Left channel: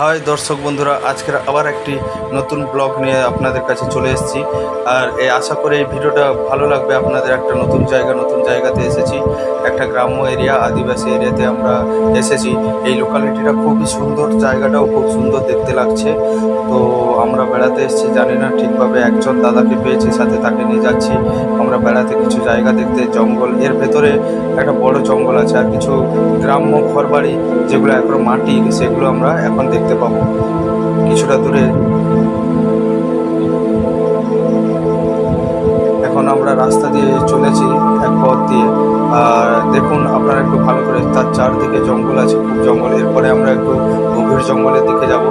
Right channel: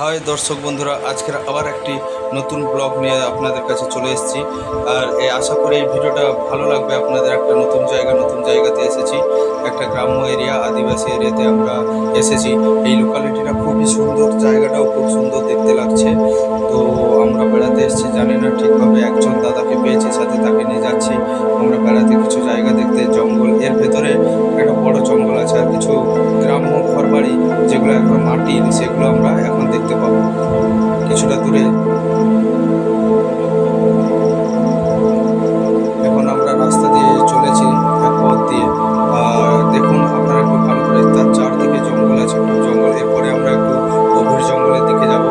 High দর্শক বন্ধুরা, আজকের আবার একটি নতুন ব্লগ নিয়ে আপনাদের কাছে চলে এসেছি। আর আশা করি এই ভিডিওটা ভালো লাগবে আপনাদের। একটা নতুন জায়গাতে এসেছি, একটা গ্রাম্য এরিয়া, আদিবাসী এরিয়াতে আমরা এসেছি। এই লোকালিটিটা খুবই সুন্দর, জায়গাটাও খুব সুন্দর দেখতে লাগছে। তো আমরা বেড়াতে এসেছি, জানি না ঠিকভাবে, একজন দাদাকে পেয়েছি, সাথে তাকে নিয়ে যাচ্ছি আমরা বেড়াতে, কিছু জায়গা দেখতে। জঙ্গল, এর ভেতরে একটা বড় জঙ্গল আছে, আর কিছু গ্রাম্য ঘরবাড়ি যেগুলো এখনো মাটির, সেগুলো আমরা এখন দেখতে পাবো কিছুটা দূরে। এখন আমরা রাস্তা দিয়ে চলেছি, এক পথ দিয়ে। আর দেখুন আপনারা একটু ভালো করে, তার চারদিকে জঙ্গল আছে, খুব জঙ্গল। এরপরে আমরা একটু গভীর জঙ্গলের দিকে যাব।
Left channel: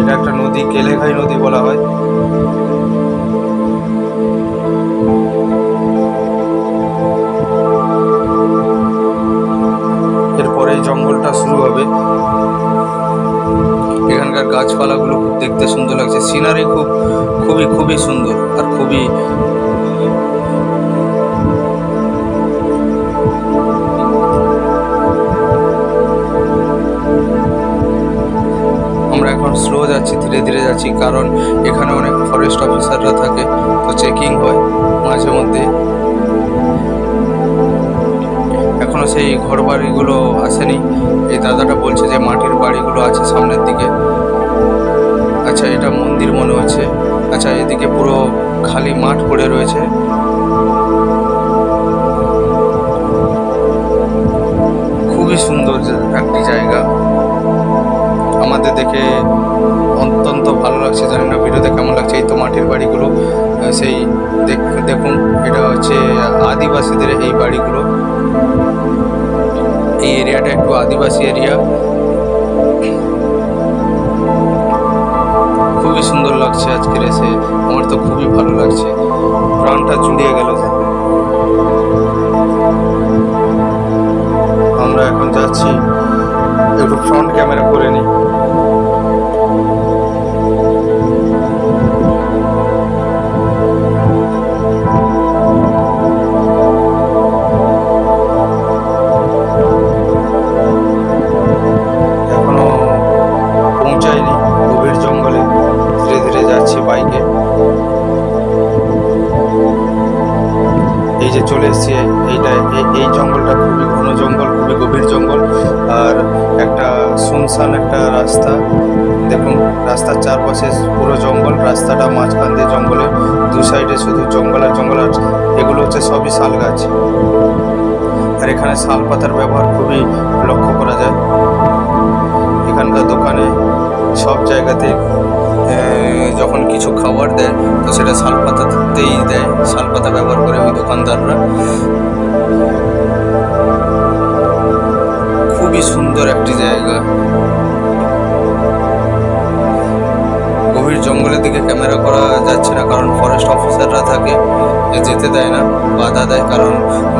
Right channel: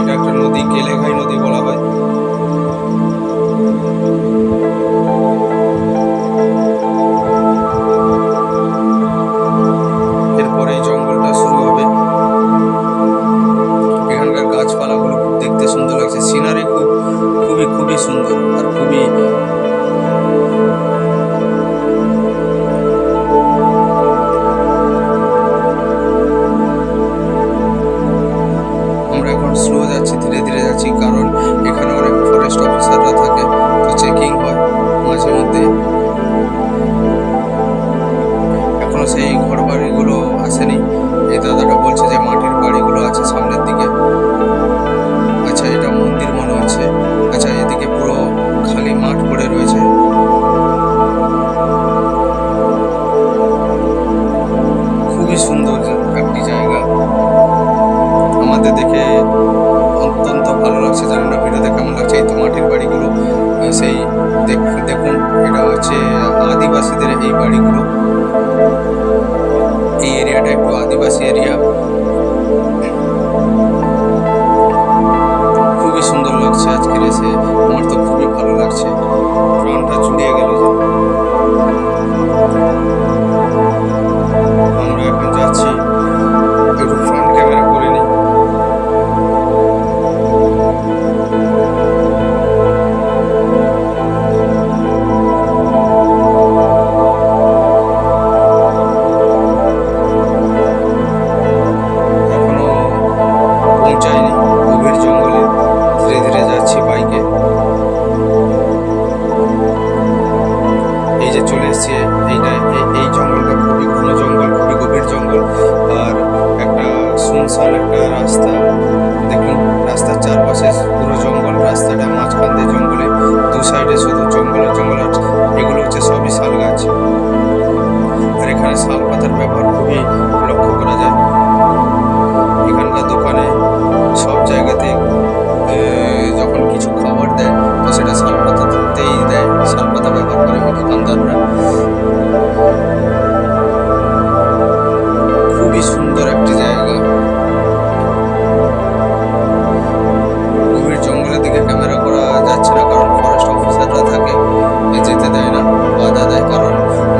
এটা একটা নদী, কেলেঘাই নদী বলা হয়। এরপরে এই জঙ্গলটা শুরু হবে। এখানকার গাছপালাগুলো খুব দেখতে সুন্দর লাগছে, সিনারি খুবই সুন্দর, আর খুবই আমরা এখন স্লো যাচ্ছি, ধীরে ধীরে যাচ্ছি, কারণ এখানে অনেক ফরেস্ট অফিসাররা থাকে, তো চেকিং হয় মাঝে মধ্যে। এখনো সেই ঘর বাড়িগুলো আসেনি। এই দাদাটা বলছে যে মাটির বাড়িগুলো আছে সামনের দিকে। আচ্ছা, এটা মন্দির মনে হচ্ছে। আচ্ছা, এদিকে পুরো খালি মাঠ পড়ে রয়েছে। খুবই সুন্দর একটি জায়গা, আমাদের দেখে অত্যন্ত ভালো লাগছে। জানি না ভিডিওতে কেমন লাগছে। এই তো মাটির বাড়িগুলো, সেই দেখুন, এটা হচ্ছে আদিবাসীদের এই বাড়িগুলো। এই এরিয়াটা একটু আদিবাসী এরিয়া। খুবই সুন্দর লাগছে আজকের এসে, আমার তো খুবই ভালো লাগছে, প্রাণটা জুড়িয়ে গেল যে। আমরা এখন যাচ্ছি, একটু ফ্রন্ট ক্যামেরা করে নিই। এখনো পৌঁছায়নি গভীর জঙ্গলে, ধীরে ধীরে যাচ্ছি বাইকে। এই যে চলে এসছি, এই জঙ্গলটা খুবই ঘন জঙ্গল, খুবই গভীর জঙ্গল। আর একটা শুনশান একটা রাস্তা, দেখুন রাস্তার চারপাশে পুরো জঙ্গল, রাস্তাটা মাঝখান দিয়ে জঙ্গলের দু সাইডে শুধু জঙ্গল আর জঙ্গল। আর এগুলো হচ্ছে সবই শাল গাছ, আর এখানে শাল পাতার ব্যবহার খুবই লক্ষ্য করা যায়। এখানকার দোকানে সব জায়গাতে যখন কিছু খাবার দেয়, তো সেটা শাল পাতাতেই দেয়, শাল পাতা ব্যবহার করে ওই দোকানদাররা। খুবই সুন্দর একটি জায়গা। গভীর জঙ্গলের দিকে ক্যামেরা করা যাচ্ছে না, কারণ ফরেস্ট অফিসাররা থাকে, যেতে দেয় না, বাধা দেয়, কারণ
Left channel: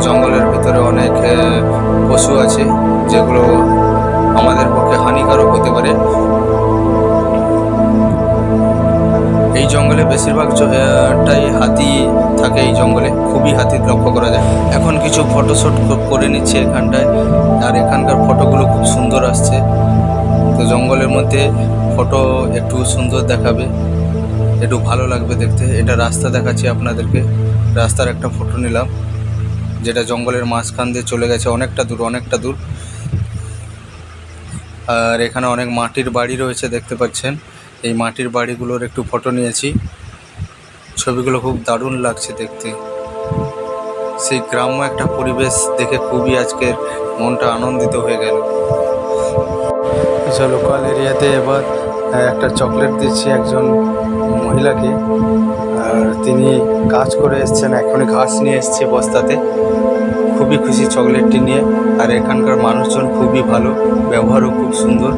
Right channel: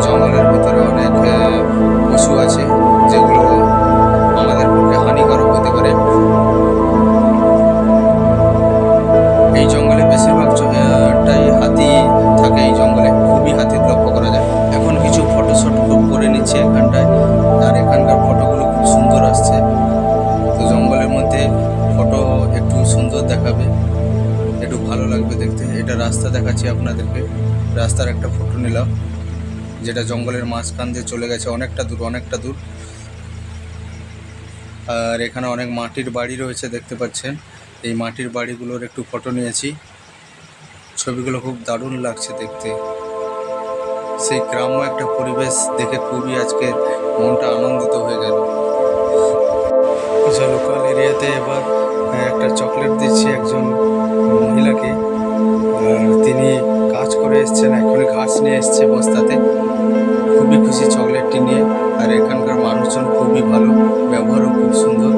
জঙ্গলের ভিতরে অনেক পশু আছে যেগুলো আমাদের পক্ষে হানিকারক হতে পারে। এই জঙ্গলে বেশিরভাগটাই হাতি থাকে, এই জঙ্গলে খুবই হাতি লক্ষ্য করা যায়। এখন কিছু ফটোশ্যুট করে নিচ্ছে এখানটায়, আর এখানকার ফটোগুলো খুব সুন্দর আসছে। তো জঙ্গলের মধ্যে ফটো একটু সুন্দর দেখাবে, একটু ভালো লাগবে দেখতে। এটা রাস্তা দেখাচ্ছি আপনাদেরকে, রাস্তার একটা ফটো নিলাম, যেটা জঙ্গলের মাঝখান দিয়ে চলে গেছে অনেকটা দূর। আর এখানে অনেক মাটির বাড়ি রয়েছে, দেখতে পাচ্ছেন। এই মাটির বাড়িগুলোর একটু ফটো নিয়েছি, ছবিগুলো খুব দারুণ লাগছে দেখতে। সেই গ্রাম্য একটা পরিবেশ দেখে খুবই আজকের মনটা আনন্দিত হয়ে গেল। আচ্ছা, লোকাল এরিয়াতে এবার একটা চকলেট দিচ্ছি একজন মহিলাকে, আর তিনি কাজ করে এসছেন, এখনই ঘাস নিয়ে এসছে বস্তাতে। খুবই খুশি চকলেটটি নিয়ে। আর এখানকার মানুষজন খুবই ভালো, ব্যবহারও খুব সুন্দর।